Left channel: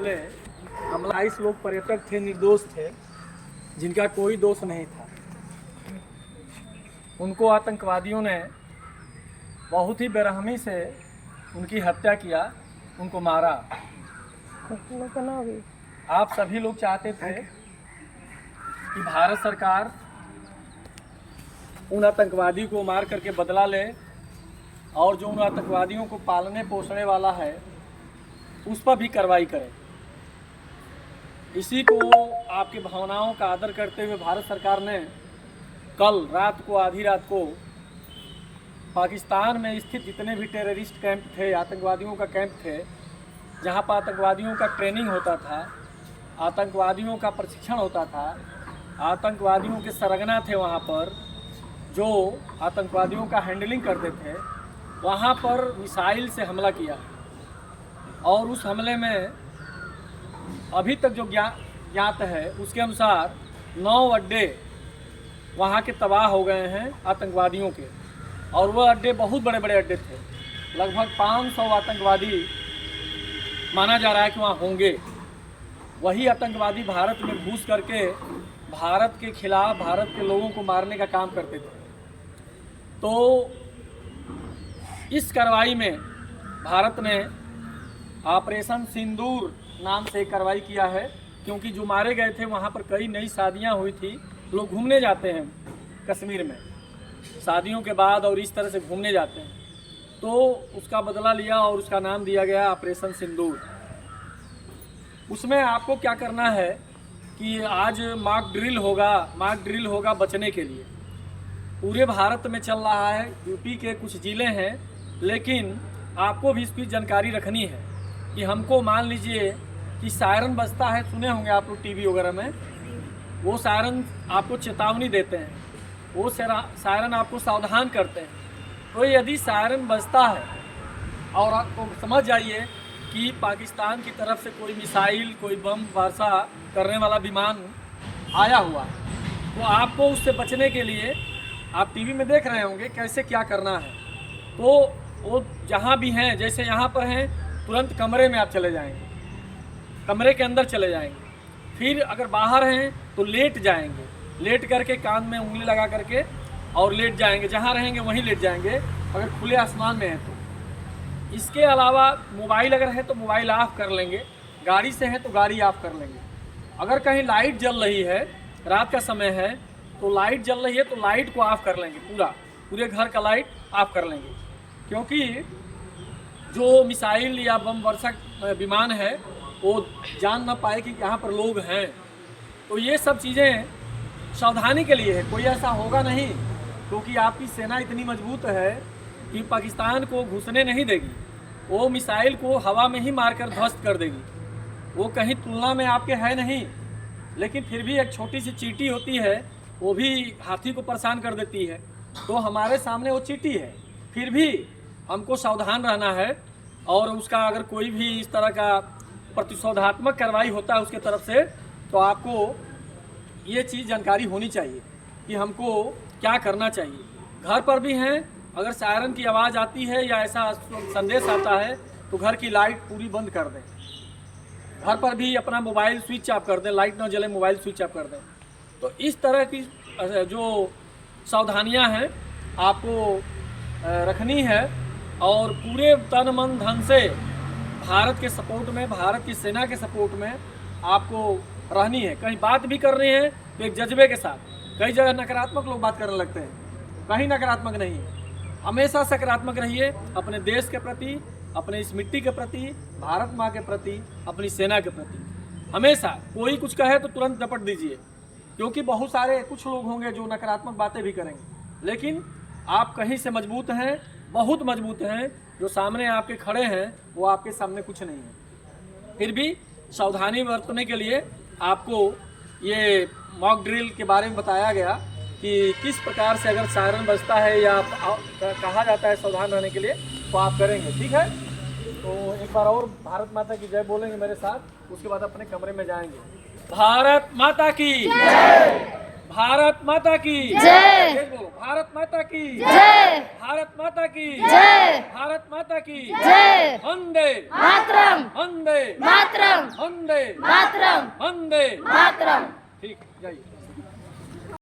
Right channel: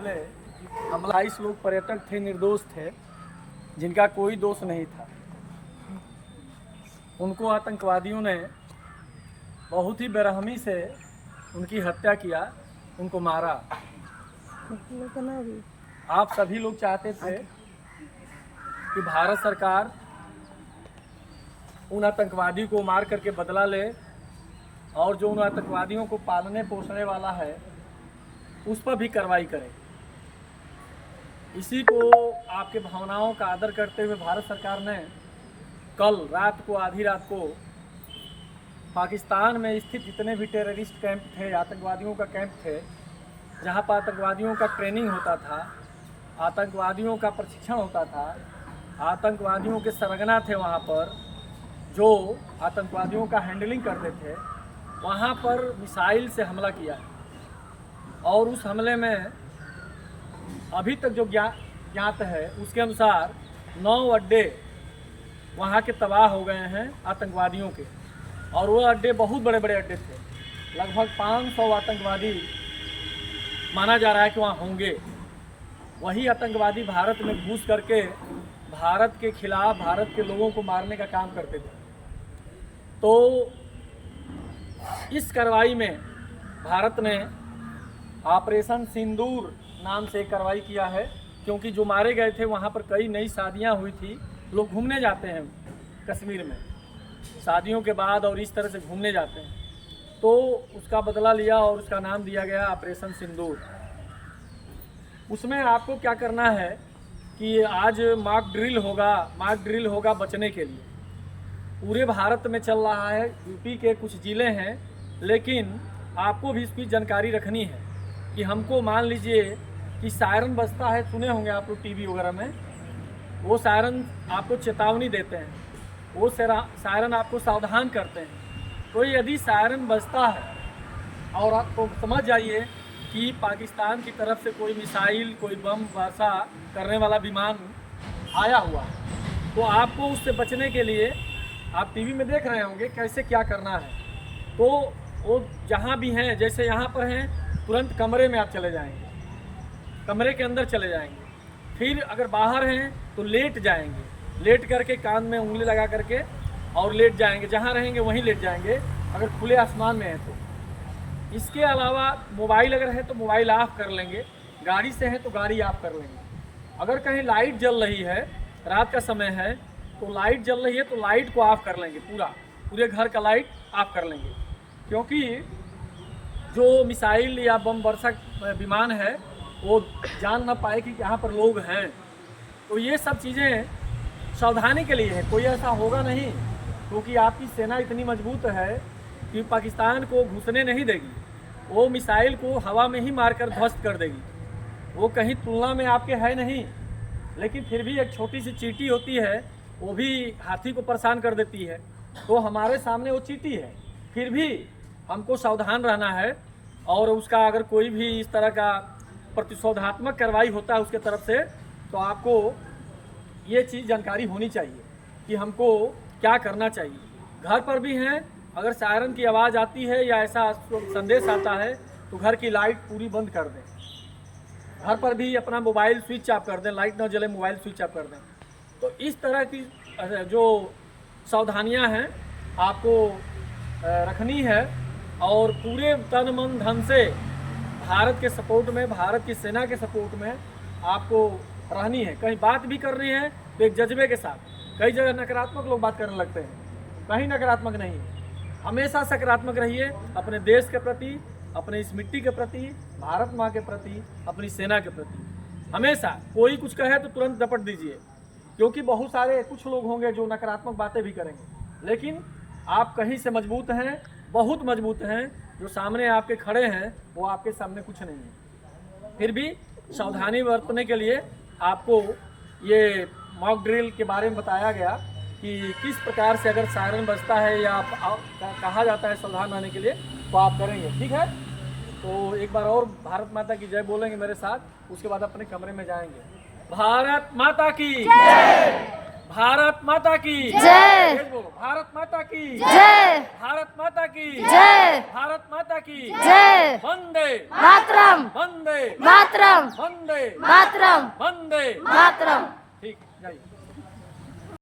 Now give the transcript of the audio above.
हम 28 लोग पर्यटक थे, निर्दोष थे, जिनका कोई दोष नहीं था। उनको आतंकवादियों ने बहुत ही बेरहमी से उनकी हत्या किया, उनको मारा। आप सभी लोग चाहते थे कि भारत सरकार उन आतंकवादियों को मार करके बदला ले और जो उन आतंकवादियों को पालने पोसने वाला है उस पर भी कार्रवाई करे। इसी को आपके भावनाओं का आदर करते हुए भारत सरकार ने कल रात को, आधी रात को, पाकिस्तान में स्थित जितने भी टेररिस्ट कैंप थे, आतंकवादियों का कैंप थे, जहां पर आतंकवादियों का ट्रेनिंग होता था, आतंकवादियों का प्रशिक्षण होता था, आतंकवादियों के सरगना थे, वहां पर जो आतंकवादियों का हैंडलिंग करते थे, वहां पर मिसाइल से हमला किया। और उस हमले में अभी तक जो ज्ञात है उसके अनुसार 9 अड्डे वहाँ के तबाह हो गए हैं आतंकवादियों के। और वो अड्डे बहुत बड़े बड़े अड्डे थे, लगभग 500 आतंकवादी माना जा रहा है कि वहाँ होंगे। वही आतंकवादी भारत में घुस करके भारत के खिलाफ, भारत के लोगों को मारने का काम करते थे। तो इस कार्रवाई में भारत ने ऑपरेशन सिंदूर नाम से कार्रवाई किया है, क्योंकि जो मारे गए थे वहाँ पर कई नई शादियाँ हुई थी। लोग घूमने जाते हैं कश्मीर में शादियों के बाद और इस तरह से घूमने जाते हैं, तो उसका बदला लिया और उसका नाम दिया गया ऑपरेशन सिंदूर। उसमें आपको क्या करना है कि आज मॉक ड्रिल होगा बचने के लिए। पूरे भारत में चल रहा है, यूपी के कुछ ज़िले हैं, लेकिन आपको भी इसकी जानकारी रखनी है कि हमको मान लीजिए कि सायरन बजता है, सुने होंगे आप लोग टीवी वगैरह में, वो सायरन आपको चेतावनी देते हैं, वो सायरन आपको सावधान करते हैं। तो यदि सायरन बजता है और आपको समझ जाइए कि पाकिस्तान की तरफ से कोई मिसाइल, कोई बम वर्षा करने वाला विमान आया हुआ है, तो आपको उससे बचने के लिए आप टीवी में देख रहे होंगे कैसे क्या करना है। तो वो जहाँ भी हैं, जैसे यहाँ पर हैं, तुरंत कमरे में आप चले जाएंगे, कमरे के अंदर चले जाएंगे। फिर अगर बाहर हैं तो लेट जाएंगे, लेट करके कान में उंगली लगा करके और लेट जाएंगे, जहाँ रहेंगे वहीं लेट जाएंगे अगर खुले आसमान में हैं तो। इसके अलावा मोबाइल अगर है तो मोबाइल ऑफ कर लेंगे, गाड़ी से है तो गाड़ी ऑफ कर लेंगे। अगर कहीं लाइट जल रही है, रात का समय है तो लाइट जल रही है तो लाइट को ऑफ कर लेंगे, पूरे घर का लाइट ऑफ कर लेंगे। क्योंकि जो मिसाइल या बम वर्षक विमान है वो जान ना पाए कि यहाँ पर लोग हैं। तो ये सब चीज़ें सावधानी के लिए है, कोई ऐसा होगा नहीं, क्योंकि आपकी सेना इतनी मजबूत है कि पाकिस्तान को घुसने नहीं देगी। वो मिसाइल को हवा में ही मारकर ध्वस्त कर देगी। वो कहीं तुलना में आपके है नहीं, लेकिन फिर भी एक छोटी सी चींटी होती है, वो भी हाथी को परेशान कर देती है। तो हमारे सामने वो चींटी है, फिर भी हमको सावधान रहना है। और उसका अगर कोई भी इस तरह का प्रतिशोधात्मक कार्रवाई होता है उसके तरफ से, तो आपको ये चीज़ जानकारी होनी चाहिए कि हमको क्या करना चाहिए। घर पर भी हैं, अगर सायरन की आवाज़ आती है या ऐसा संदेश आता है तो घर की लाइट पूरी बंद कर दें। घर पर भी अपना मोबाइल स्विच ऑफ कर दें, लाइट ना जले, मोबाइल स्विच ऑफ कर दें। तो इस तरह की जो सावधानियां हैं आपको रखनी है और पूरे तन मन धन से भारत के सपोर्ट में, भारत की सेना के सपोर्ट में आपको रहनी है। कहीं बात भी कर रहे हैं तो एक जज्बे के साथ। कई जगह नकारात्मक लोग बात करने लगते हैं, कहीं नकारात्मक नहीं है। हमेशा सकारात्मक रहिए अपने देश के प्रति, अपने इस मिट्टी के प्रति, भारत माँ के प्रति, अपनी सेना के प्रति। हमेशा कोई कुछ कहे तो तुरंत दपट दीजिए, क्योंकि बहुत सारे कुछ लोग होंगे जो नकारात्मक बातें भी करेंगे, लेकिन आप कहीं से मजबूत हैं, बहुत मजबूत हैं। जो सामने आपके खड़े हैं वो आपके सामने कुछ नहीं है। फिर भी सावधानी बरतने के लिए आपको ये मॉक ड्रिल के बारे में बताया गया कि किस प्रकार से अगर सायरन बजता है या कहा जाता है सावधान रहने के लिए, तो आप करेंगे। ठीक है, तो एक बार और भारत माता की जय बोलेंगे मेरे साथ, उसके बाद अपने कमरे में जाएंगे। भारत माता की जय। भारत माता की जय। तेज बोलो, भारत माता की जय। भारत माता की जय। भारत माता की जय। वंदे मातरम। वंदे मातरम। वंदे मातरम। वंदे। मातरम। ठीक, जाइए।